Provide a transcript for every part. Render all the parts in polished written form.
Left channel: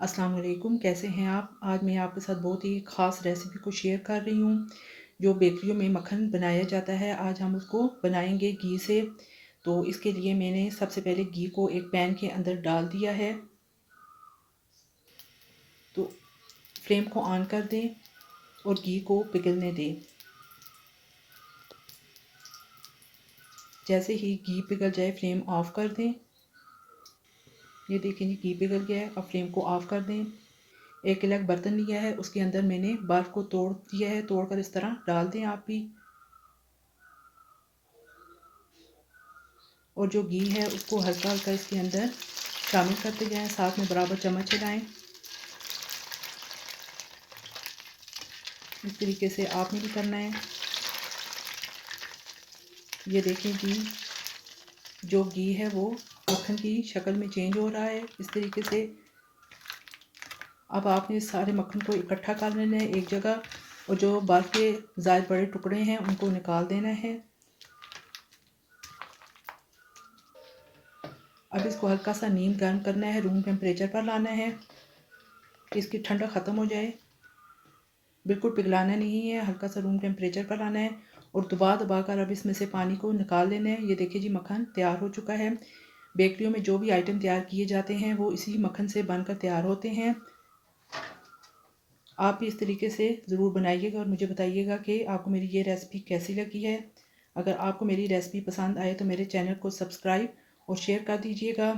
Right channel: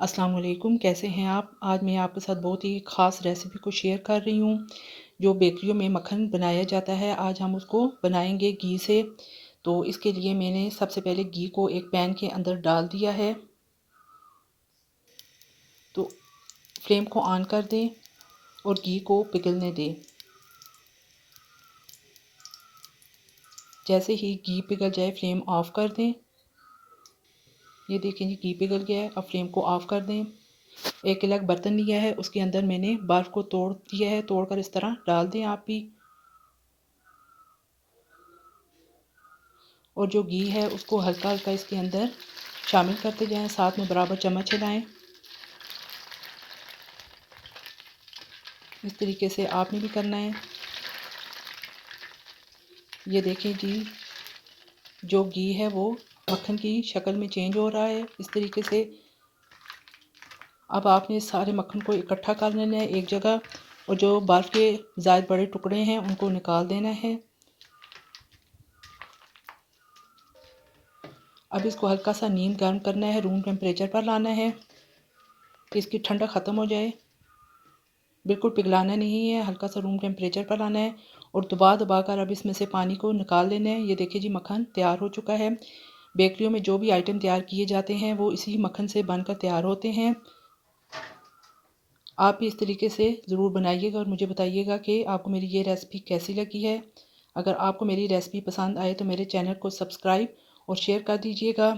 अस्सलाम वालेकुम, कैसे हैं आप? आज मैं आपके साथ बहुत ही ख़ास रेसिपी को शेयर कर रही हूँ। जो बेकरियों में मक्खन बनाया जाता है, आज हम उसको बनाएंगे घी से। तो इसके लिए मैंने सबसे पहले घी को एक पैन के अंदर डाल दिया है। तो फ्लेम को ऑन कर दें और घी को पिघलने दें। जैसे ही घी पिघल जाए फ्लेम ऑफ कर दें। ये देखें जी, घी पिघल गया है। अब फ्लेम को ऑफ कर दें। एक अलग बर्तन लिया है, उसके अंदर मैंने बर्फ़ को तोड़ दिया है। तोड़कर इस तरह डाल दें आप भी। और जो घी है उसको हल्का हल्का इसके अंदर शामिल करते जाएं, साथ में बराबर चम्मच हिलाएं। इस तरीके से आपने भी करना है। ये देखें जी, जो घी है वो मक्खन की शक्ल में चेंज हो रहा है इस तरीके से। अब आपने सारे मक्खन को इकट्ठा कर लेना है एक जगह, और जो बर्फ़ के ज़ायद बड़े टुकड़े हैं उनको निकाल देना है। अब इसको हल्का सा नीम गर्म करना है, रूम टेम्परेचर पर लाना है कि इसकी ठंडा ख़त्म हो जाए। बिल्कुल पिघलाना नहीं है, हल्का सा रूम टेम्परेचर पर लाना है। और दबा कर अब इसमें से पानी को निकाल लेना है। ये देखिए जी, मक्खन तैयार हो चुका है। बेकरियों में जो भी आइटम तैयार किए जाते हैं वो इसी मक्खन से बनकर तैयार होते हैं। आप भी इस तरीके से ज़रूर बनाइएगा और मुझे बताइएगा कि आपको मेरी ये रेसिपी कैसी लगी है। अगर आपको मेरी रेसिपी पसंद आए तो मेरे चैनल को सब्सक्राइब और शेयर कर दीजिएगा।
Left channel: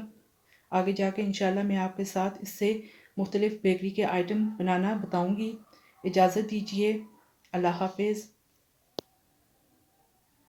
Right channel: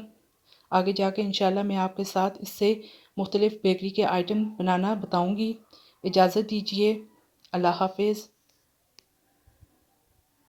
आगे जाके इंशाल्लाह मैं आपके साथ इससे मुख्तलिफ़ बेकरी के आइटम बनाना बताऊँगी। इजाज़त दीजिए। अल्लाह हाफ़िज़।